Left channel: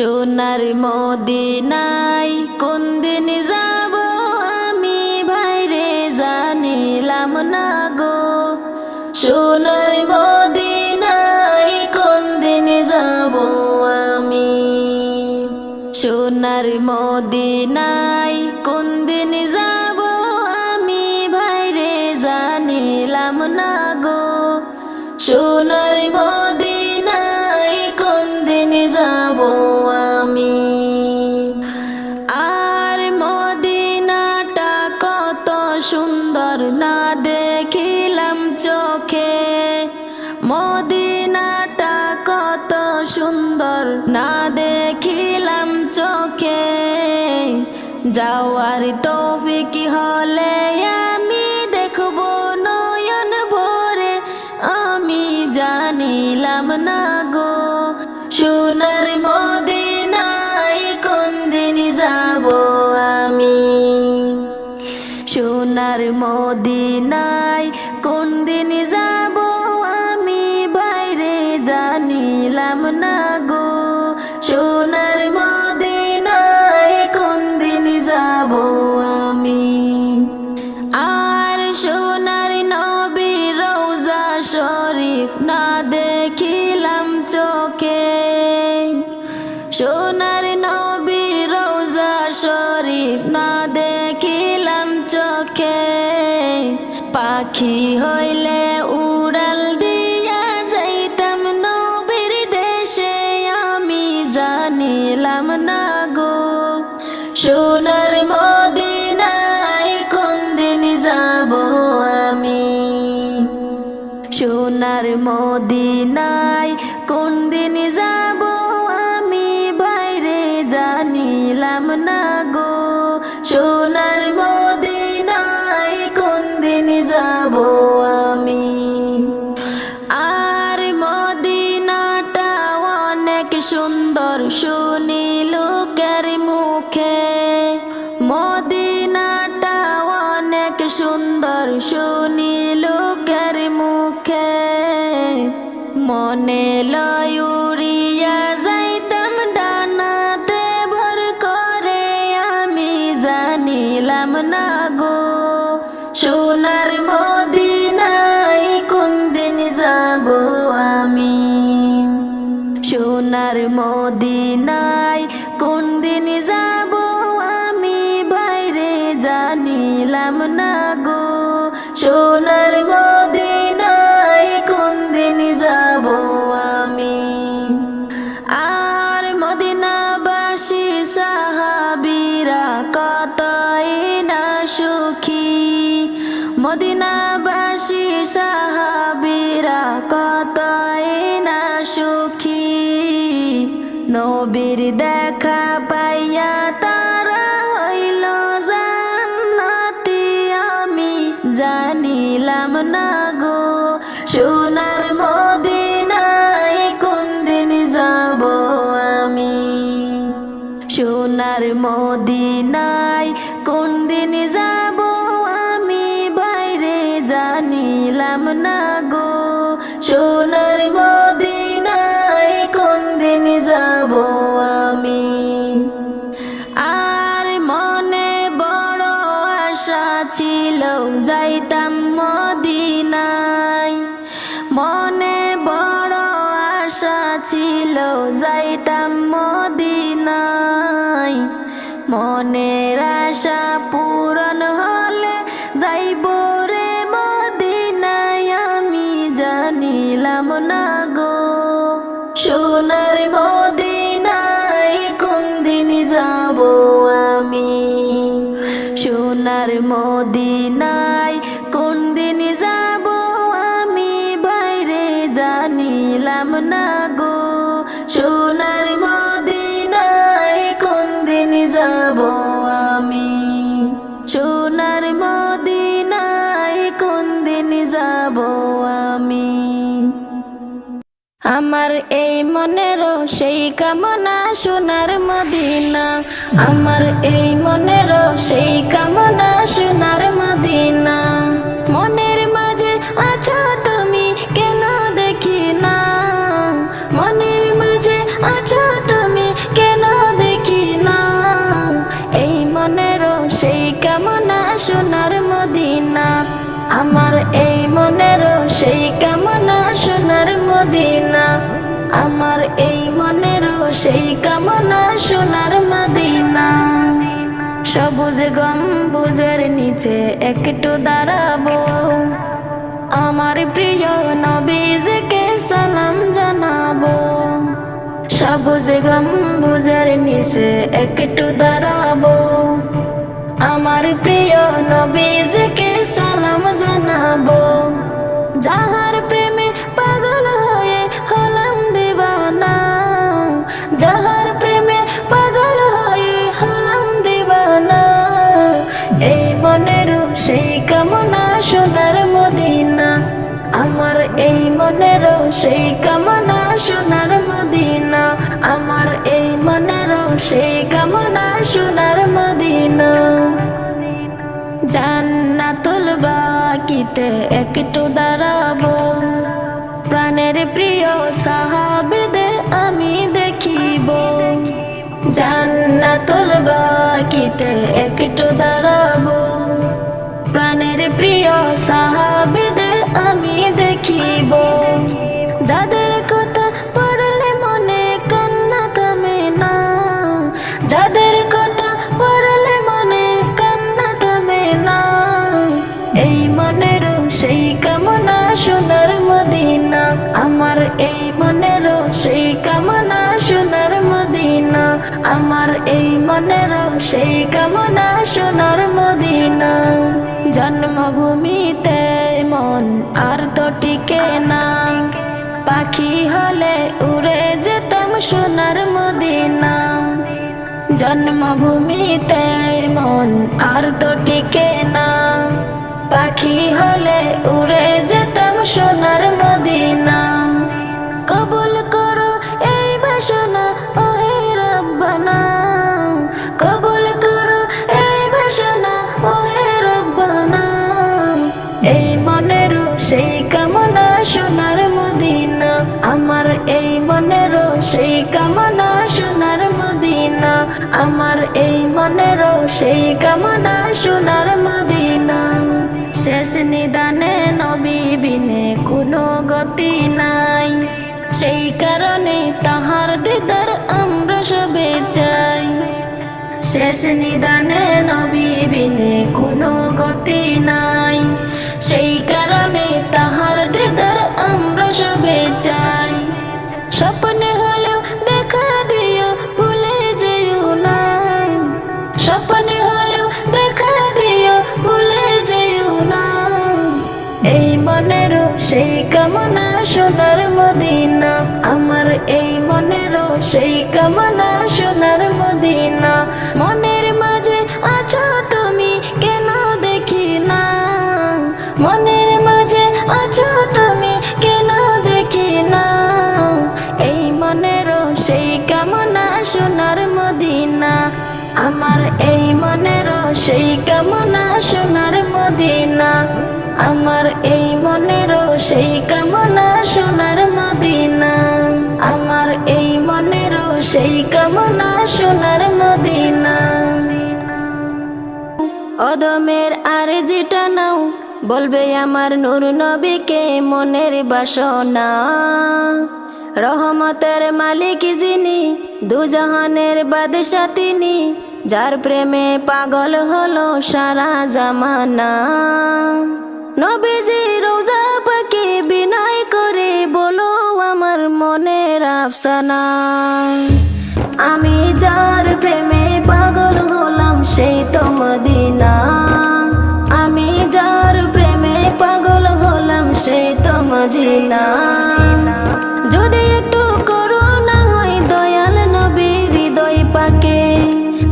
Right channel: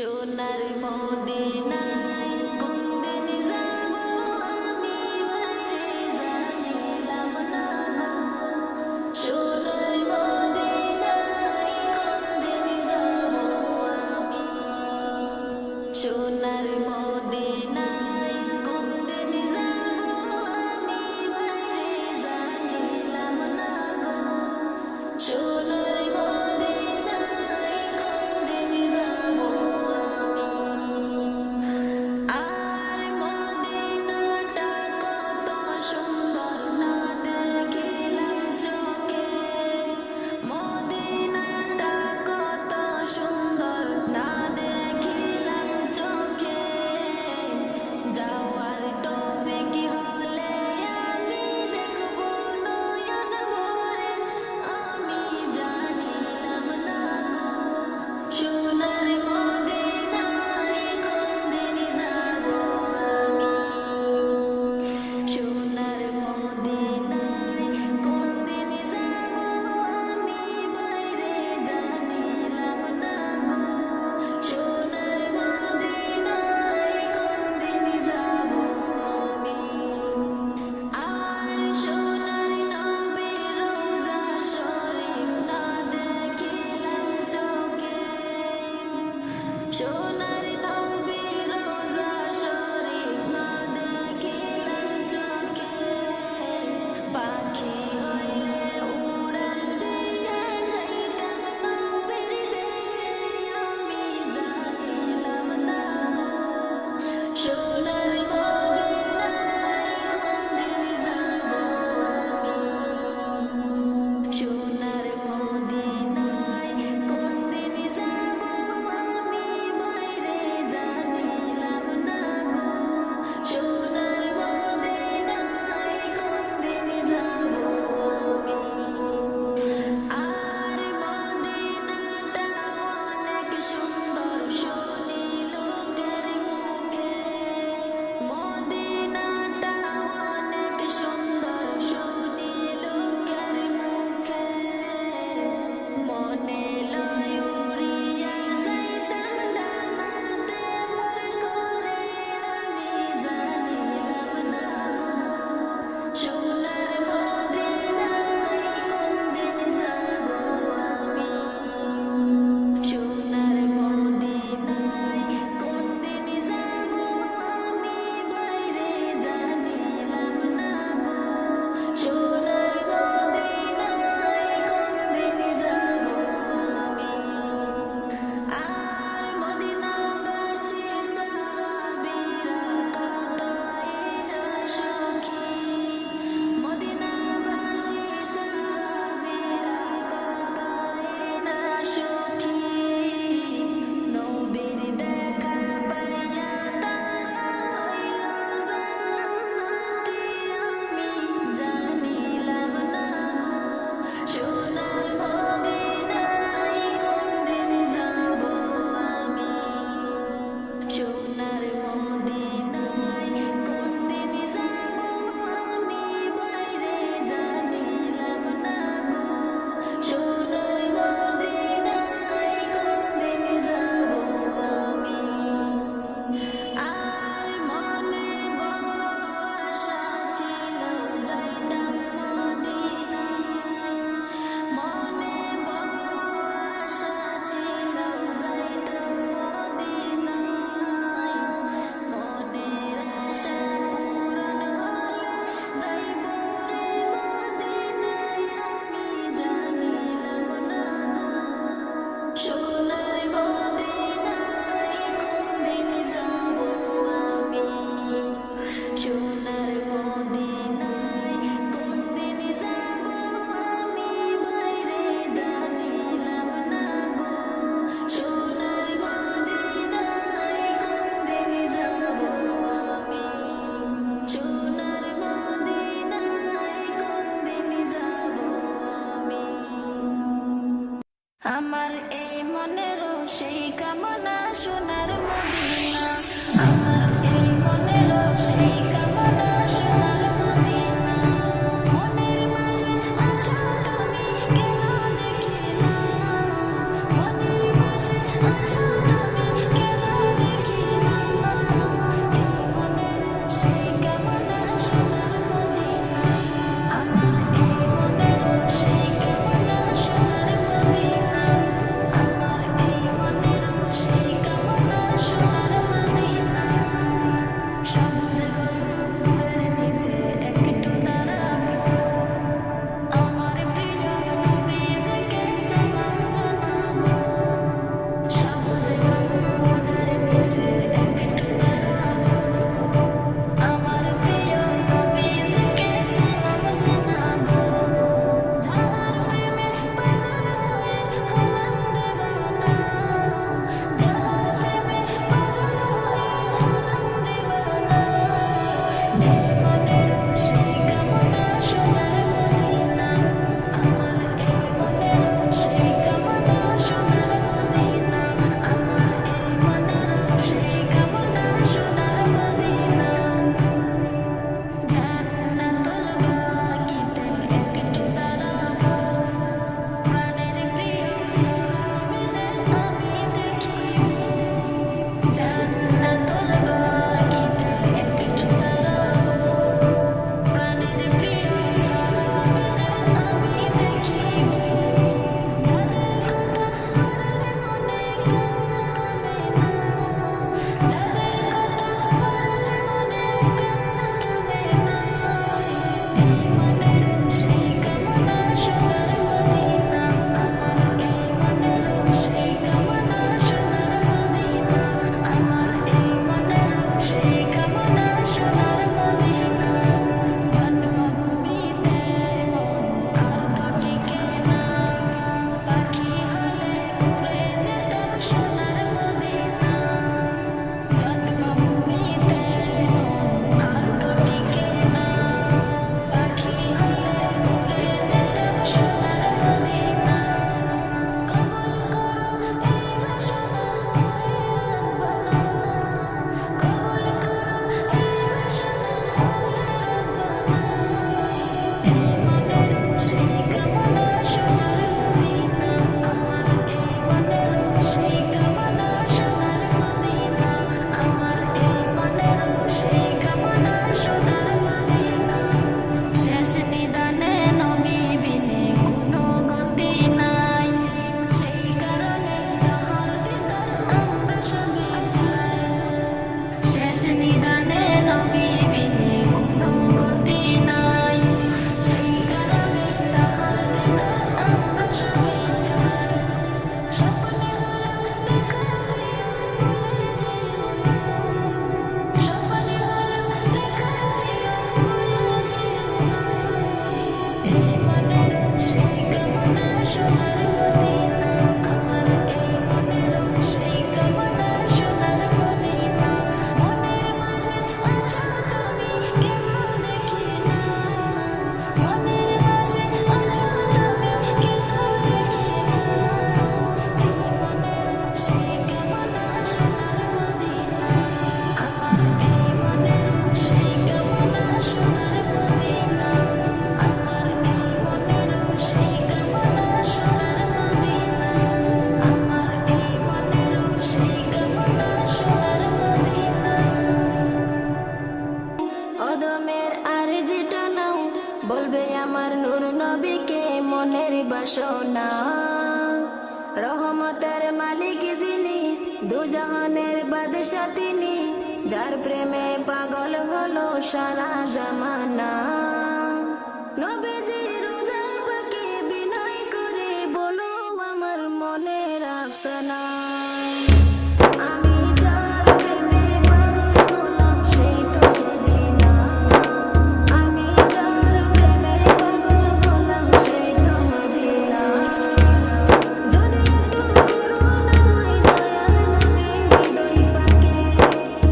সোনার মদিনায় কোন দিন যাব আমি ভাইরে জানিলাম না গো। সোনার মদিনায় কোন দিন যাব আমি। সোনার মদিনায় কোন দিন যাব আমি ভাইরে জানিলাম না গো। সোনার মদিনায় কোন দিন যাব আমি। আর মদিনাটা কত সুন্দর না দেখিলাম চোখে। মদিনাটা কত সুন্দর না দেখিলাম চোখে। যাওয়ার তৌফিক হলে আমি দেখব নয়ন ভরে, আমি জানিলাম না গো। সোনার মদিনায় কোন দিন যাব আমি। সোনার মদিনায় কোন দিন যাব আমি বাইরে জানিলাম না গো। সোনার মদিনায় কোন দিন যাব আমি। আর সোনার নবীর রওজা শরীফ না দেখিলাম চোখে। সোনার নবীর রওজা শরীফ না দেখিলাম চোখে। পাখি হইলে উড়াল দিয়া যাইতাম নবীর দেশে, আমি জানিলাম না গো। সোনার মদিনায় কোন দিন যাব আমি। সোনার মদিনায় কোন দিন যাব আমি বাইরে জানিলাম না গো। সোনার মদিনায় কোন দিন যাব আমি। আর মদিনাটা অনেক সুন্দর শুনি লোকের মুখে। মদিনাটা অনেক সুন্দর শুনি লোকের মুখে। মনে লয় উড়িয়া যাইতাম ডানাতে ভর করে, আমি জানিলাম না গো। সোনার মদিনায় কোন দিন যাব আমি। সোনার মদিনায় কোন দিন যাব আমি বাইরে জানিলাম না গো। সোনার মদিনায় কোন দিন যাব আমি। আর মদিনাবাসী সাহাবীরা কতই না সুখী। মদিনাবাসী সাহাবীরা কতই না সুখী। নবীর দেখা পাইয়া তারা হইল জান্নাতি, আমি জানিলাম না গো। সোনার মদিনায় কোন দিন যাব আমি। সোনার মদিনায় কোন দিন যাব আমি বাইরে জানিলাম না গো। সোনার মদিনায় কোন দিন যাব আমি। আর মনে বড় আশা ছিল যাইতাম মদিনায়। মনে বড় আশা ছিল যাইতাম মদিনায়। মনের আশা পূরণ হলে যাইব রে মদিনায়, আমি জানিলাম না গো। সোনার মদিনায় কোন দিন যাব আমি। সোনার মদিনায় কোন দিন যাব আমি বাইরে জানিলাম না গো। সোনার মদিনায় কোন দিন যাব আমি। সোনার মদিনায় কোন দিন যাব আমি। আমার এই মনেরও সেই কামনা সোনার মদিনা। আমার এই মনেরও সেই কামনা সোনার মদিনা। মনের মাঝে আছো তুমি কেন দেখি না। মনের মাঝে আছো তুমি কেন সেই কামনা সোনার মদিনা। সবুজ গম্বুজের নিচে একটু দাঁড়াবো, আমার প্রিয় নবীজিকে সালাম জানাবো। সবুজ গম্বুজের নিচে একটু দাঁড়াবো, আমার প্রিয় নবীজিকে সালাম জানাবো। যাহার প্রেমে পাগল হয়ে হলাম দিবানা, যাহার প্রেমে পাগল হয়ে হলাম দিবানা। এই মনের সেই কামনা সোনার মদিনা, আমার এই মনের সেই কামনা সোনার মদিনা, আমার এই মনের সেই কামনা সোনার মদিনা। জান্নাতুল বাকিতে একটু দাঁড়াবো, প্রাণের প্রিয় সাহাবীদের আমি দেখিব। জান্নাতুল বাকিতে একটু দাঁড়াবো, প্রাণের প্রিয় সাহাবীদের আমি দেখিব। যাদের কথা পড়লে মনে কান্না থামে না, যাদের কথা পড়লে মনে কান্না থামে না। এই মনের সেই কামনা সোনার মদিনা, আমার এই মনের সেই কামনা সোনার মদিনা, আমার এই মনের সেই কামনা সোনার মদিনা। জন্মভূমিতে মন আর তো টিকে না, পাখি হলে উড়ে যেতাম সোনার মদিনা। জন্মভূমিতে মন আর তো টিকে না, পাখি হলে উড়ে যেতাম সোনার মদিনা। কবুল করো এই বাসনা ওহে রব্বানা, কবুল করো এই বাসনা ওহে রব্বানা। এই মনের সেই কামনা সোনার মদিনা, আমার এই মনের সেই কামনা সোনার মদিনা, আমার এই মনের সেই কামনা সোনার মদিনা। শেষ নিদানে নবী বিনে কোনো গতি নাই, সেই কারণে তাহার দিদার আমরা সবে চাই। শেষ নিদানে নবী বিনে কোনো গতি নাই, সেই কারণে তাহার দিদার আমরা সবে চাই। স্বপ্নে হলেও দেখা দিও ভুলে যেও না, স্বপ্নে হলেও দেখা দিও ভুলে যেও না। এই মনের সেই কামনা সোনার মদিনা, আমার এই মনের সেই কামনা সোনার মদিনা। মনের মাঝে আছো তুমি কেন দেখি না, মনের মাঝে আছো তুমি কেন দেখি না। এই মনের সেই কামনা সোনার মদিনা, আমার এই মনের সেই কামনা সোনার মদিনা, আমার এই মনের সেই কামনা সোনার মদিনা, আমার এই মনের সেই কামনা সোনার মদিনা। অদমের আরজিটা নাও, বলবে আমার নূর নবীকে মনের বাসনা। রহমতের মালিক যিনি, দুজাহানের বাদশা তিনি, যার প্রেমে পাগল হলো সারা জামানা। নবীজি রোজা পাকে বিনয় করে বলো আমার মনের আফসানা। আমি যার প্রেমে পাগল হলাম সেই তো মদিনা, আমি যার প্রেমে পাগল হলাম সেই তো মদিনা। যদি একটু করুণা হয় দয়াল নবীর হৃদয় পাকে,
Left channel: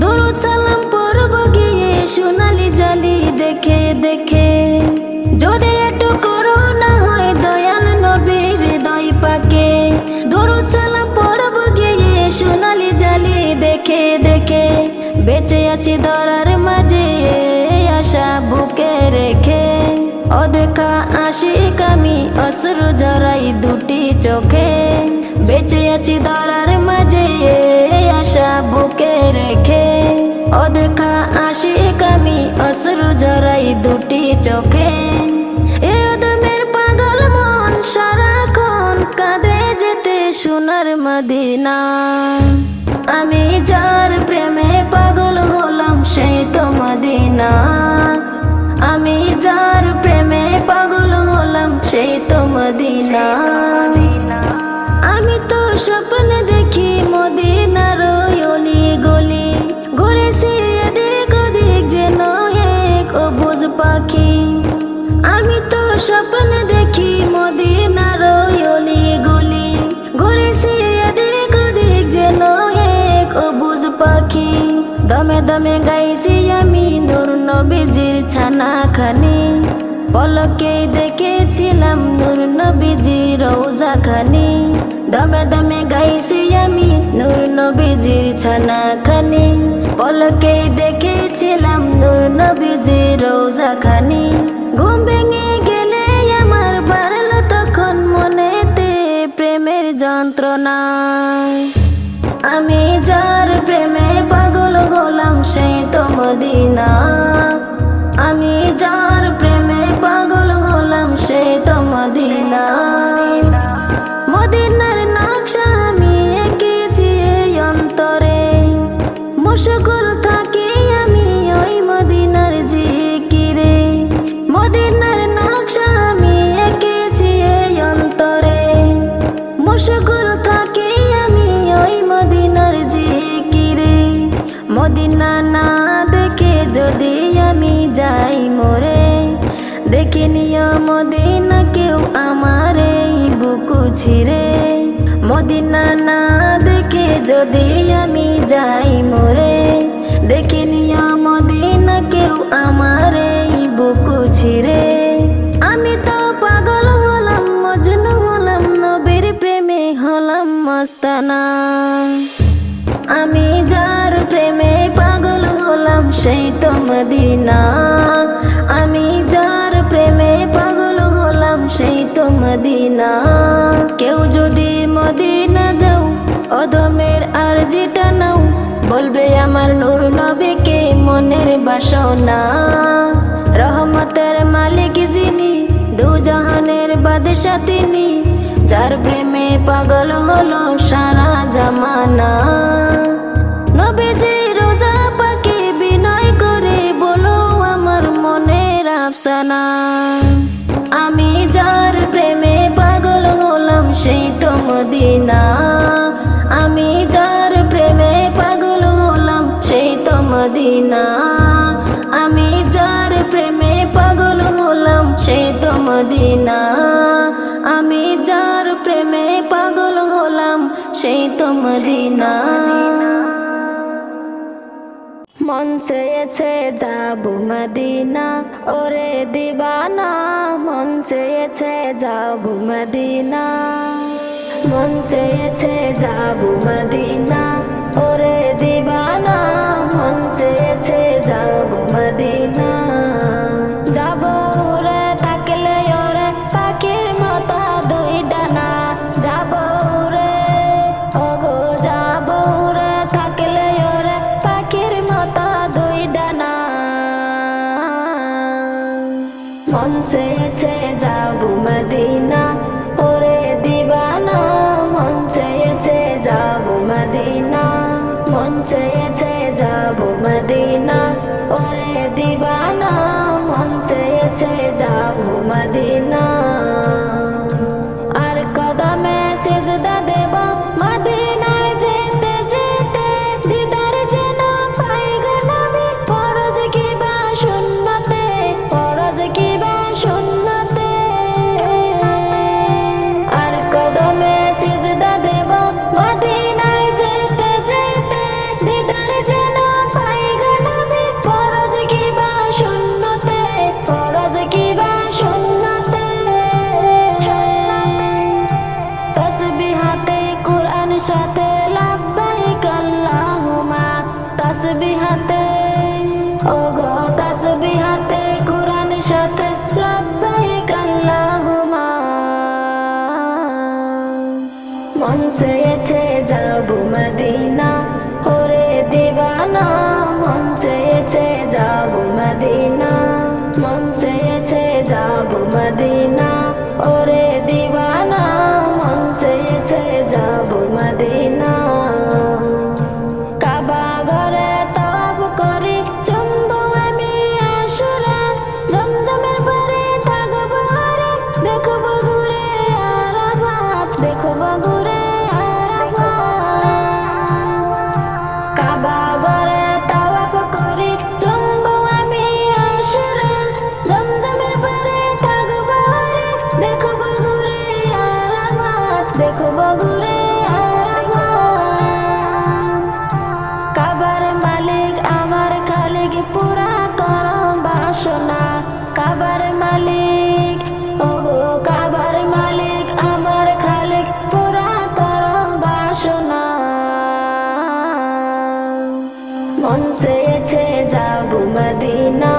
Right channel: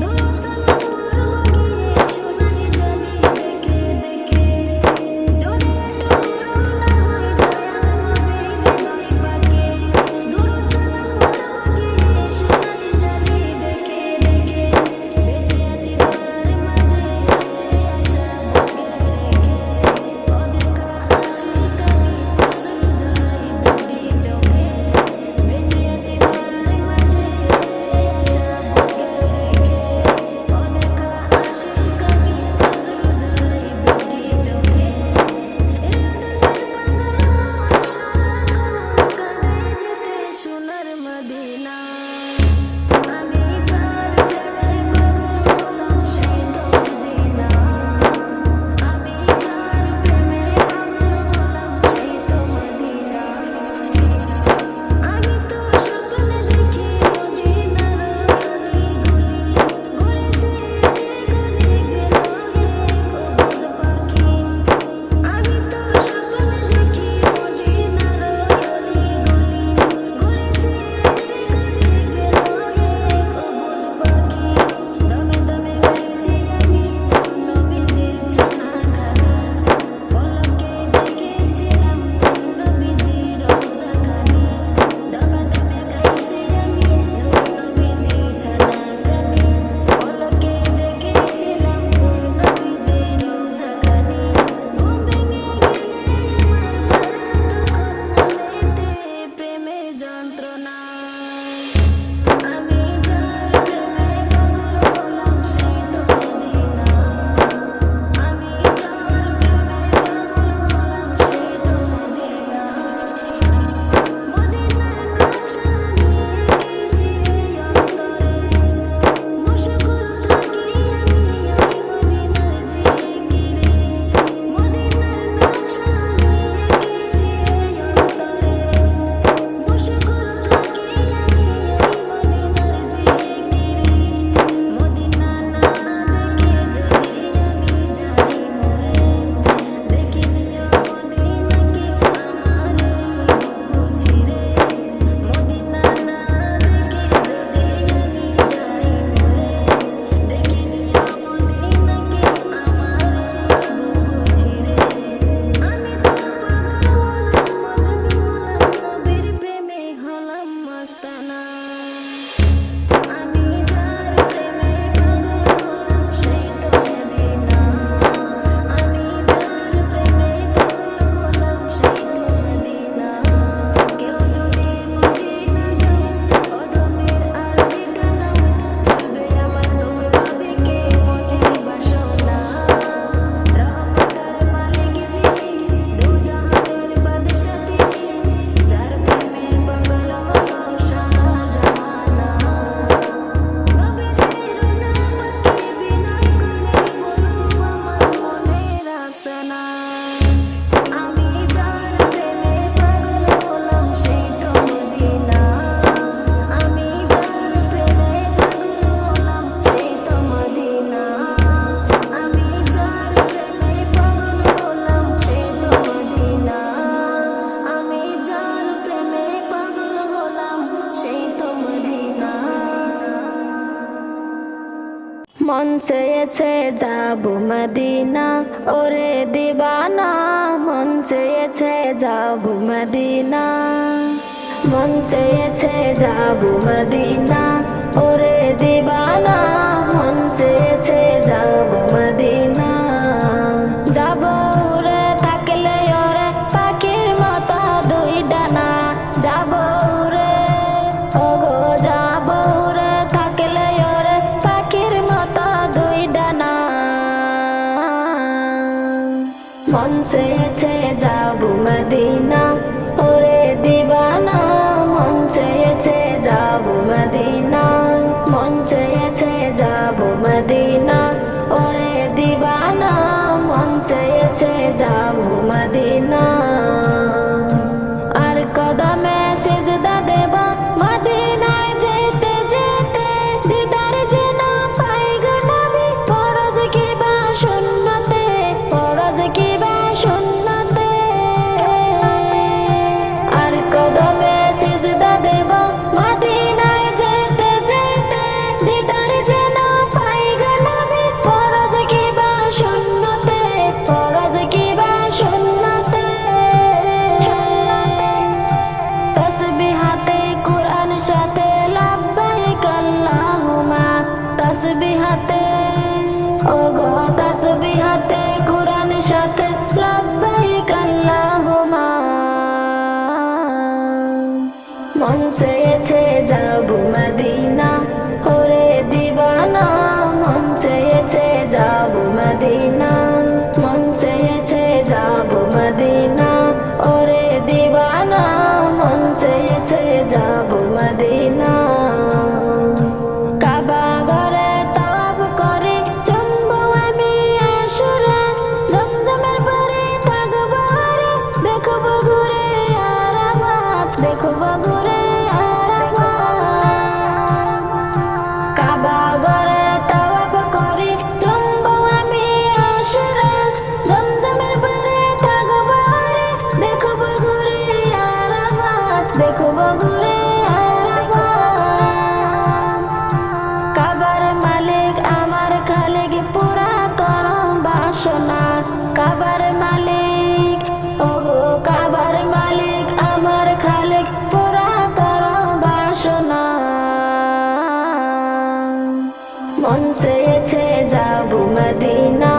দুরূদ সালাম পড়ব গিয়ে সোনালি জালি দেখে দেখে। যদি একটু করুণা হয় দয়াল নবীর হৃদয় পাকে, দুরূদ সালাম পড়ব গিয়ে আমি যার প্রেমে পাগল হলাম সেই তো মদিনা। আমি যার প্রেমে পাগল হলাম সেই তো মদিনা। আমি তো স্বপ্নে দেখি মদিনার অলি গলি, ঘুরেছি এদিক ওদিক যেন এক অবুঝ পাখি। আমি তো স্বপ্নে দেখি মদিনার অলি গলি, ঘুরেছি এদিক ওদিক যেন এক অবুঝ পাখি। দমে দমে গাইছি আমি নূর নবীজির ছানাখানি, পলকেই দেখেছিলাম নূর নবীজির রওজাখানি। দমে দমে গাইছি আমি নূর নবীজির ছানাখানি, পলকেই দেখেছিলাম নূর নবীজির রওজাখানি। ঘুম ভেঙে গেলে আমার বাড়ল তখন মনেতে প্রেমের যন্ত্রণা। আমি যার প্রেমে পাগল হলাম সেই তো মদিনা। আমি যার প্রেমে পাগল হলাম সেই তো মদিনা। মদিনার নকশা আমি এঁকেছি এই অন্তরে, মশগুল থাকি আমি ওই মদিনার জিকিরে। মদিনার নকশা আমি এঁকেছি এই অন্তরে, মশগুল থাকি আমি ওই মদিনার জিকিরে। মদিনা না দেখে যদি আমি যাই মরে, দেখিনিও মদিনা কেউ আমার এই বুকু ছিঁড়ে। মদিনা না দেখে যদি আমি যাই মরে, দেখিনিও মদিনা কেউ আমার এই বুকু ছিঁড়ে। আমি তো পাগল হলাম মজনু হলাম নবীর প্রেমে হলাম মস্তানা। আমি যার প্রেমে পাগল হলাম সেই তো মদিনা। আমি যার প্রেমে পাগল হলাম সেই তো মদিনা। কেউ যদি মদিনা যাও অদমের আরজিটা নাও, বলবে আমার নূর নবীকে মনের বাসনা। রহমতের মালিক যিনি, দুজাহানের বাদশা তিনি, যার প্রেমে পাগল হলো সারা জামানা। নবীজি রোজা পাকে বিনয় করে বলো আমার মনের আফসানা। আমি যার প্রেমে পাগল হলাম সেই তো মদিনা। আমি যার প্রেমে পাগল হলাম সেই তো মদিনা। আমি যার প্রেমে পাগল হলাম সেই তো মদিনা। আমি যার প্রেমে পাগল হলাম সেই তো মদিনা। মন চেয়েছে যাব মদিনা ওরে দিবানা, মন চেয়েছে যাব মদিনা। মন চেয়েছে যাব মদিনা ওরে দিবানা, মন চেয়েছে যাব মদিনা। যাব রে থাকলে ওরে পাখির মতো দুই ডানা, যাব রে ওগো যাব রে থাকলে ওরে পাখির মতো দুই ডানা। মন চেয়েছে যাব মদিনা ওরে দিবানা, মন চেয়েছে যাব মদিনা। মন চেয়েছে যাব মদিনা ওরে দিবানা, মন চেয়েছে যাব মদিনা। আর কদমে সিজদা দেব মদিনায় যেতে যেতে, দিদার যেন পাই গো নবী ফরজ কিবা সুন্নতে, ফরজ কিবা সুন্নতে। আর কদমে সিজদা দেব মদিনায় যেতে যেতে, দিদার যেন পাই গো নবী ফরজ কিবা সুন্নতে, ফরজ কিবা সুন্নতে। তসবিহাতে কুরআন সাথে লাব্বাইক আল্লাহুম্মা, তসবিহাতে ওগো তসবিহাতে কুরআন সাথে লাব্বাইক আল্লাহুম্মা। মন চেয়েছে যাব মদিনা ওরে দিবানা, মন চেয়েছে যাব মদিনা। মন চেয়েছে যাব মদিনা ওরে দিবানা, মন চেয়েছে যাব মদিনা। মন চেয়েছে যাব মদিনা,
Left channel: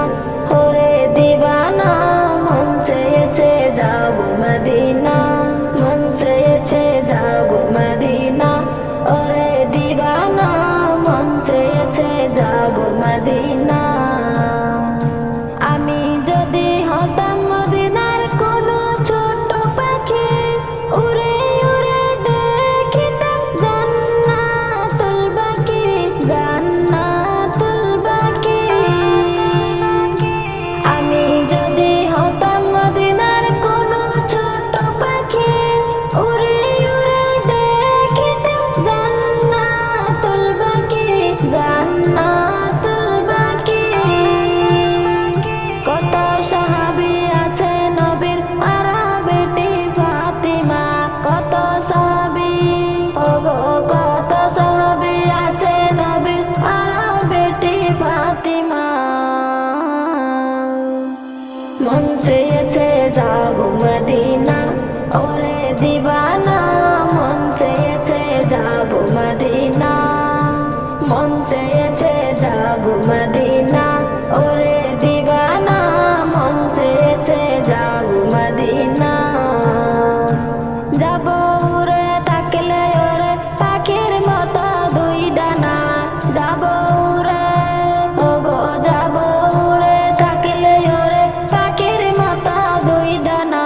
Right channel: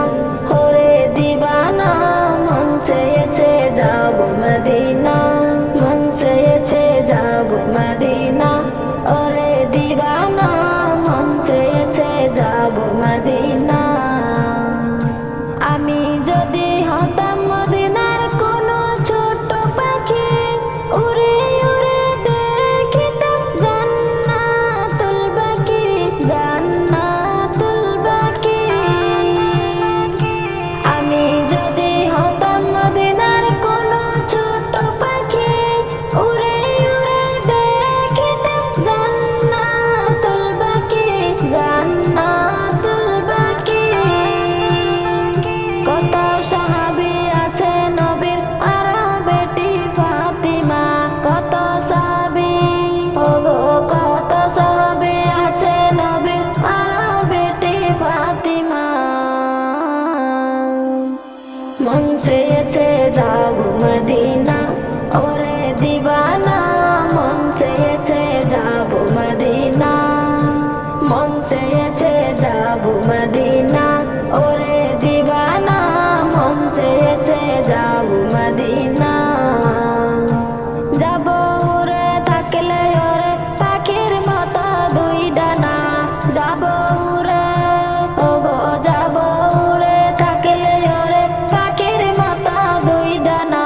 ওরে দিবানা মন চেয়েছে যাব মদিনা, মন চেয়েছে যাব মদিনা, ওরে দিবানা মন চেয়েছে যাব মদিনা। আমি যদি হতাম মদিনার কোনো ছোট পাখি, উড়ে উড়ে দেখিতাম জান্নাতুল বাকি, জান্নাতুল বাকি। আমি যদি হতাম মদিনার কোনো ছোট পাখি, উড়ে উড়ে দেখিতাম জান্নাতুল বাকি, জান্নাতুল বাকি। কত সাহাবী আছে নবীর আর বেটি ফাতিমা, কত সাহাবী ওগো কত সাহাবী আছে নবীর আর বেটি ফাতিমা। মন চেয়েছে যাব মদিনা, ওরে দিবানা মন চেয়েছে যাব মদিনা, মন চেয়েছে যাব মদিনা, ওরে দিবানা মন চেয়েছে যাব মদিনা। যাব উড়ে থাকলে ওরে পাখির মতো দুই ডানা, যাব উড়ে ওগো যাব উড়ে থাকলে ওরে পাখির মতো দুই ডানা।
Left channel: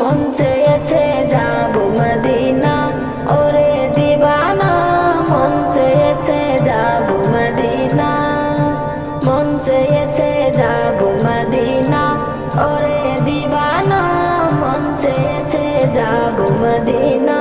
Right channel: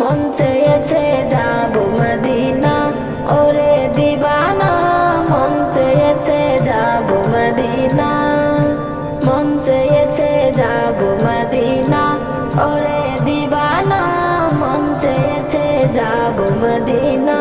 মন চেয়েছে যাব মদিনা, ওরে দিবানা মন চেয়েছে যাব মদিনা, মন চেয়েছে যাব মদিনা, ওরে দিবানা মন চেয়েছে যাব মদিনা।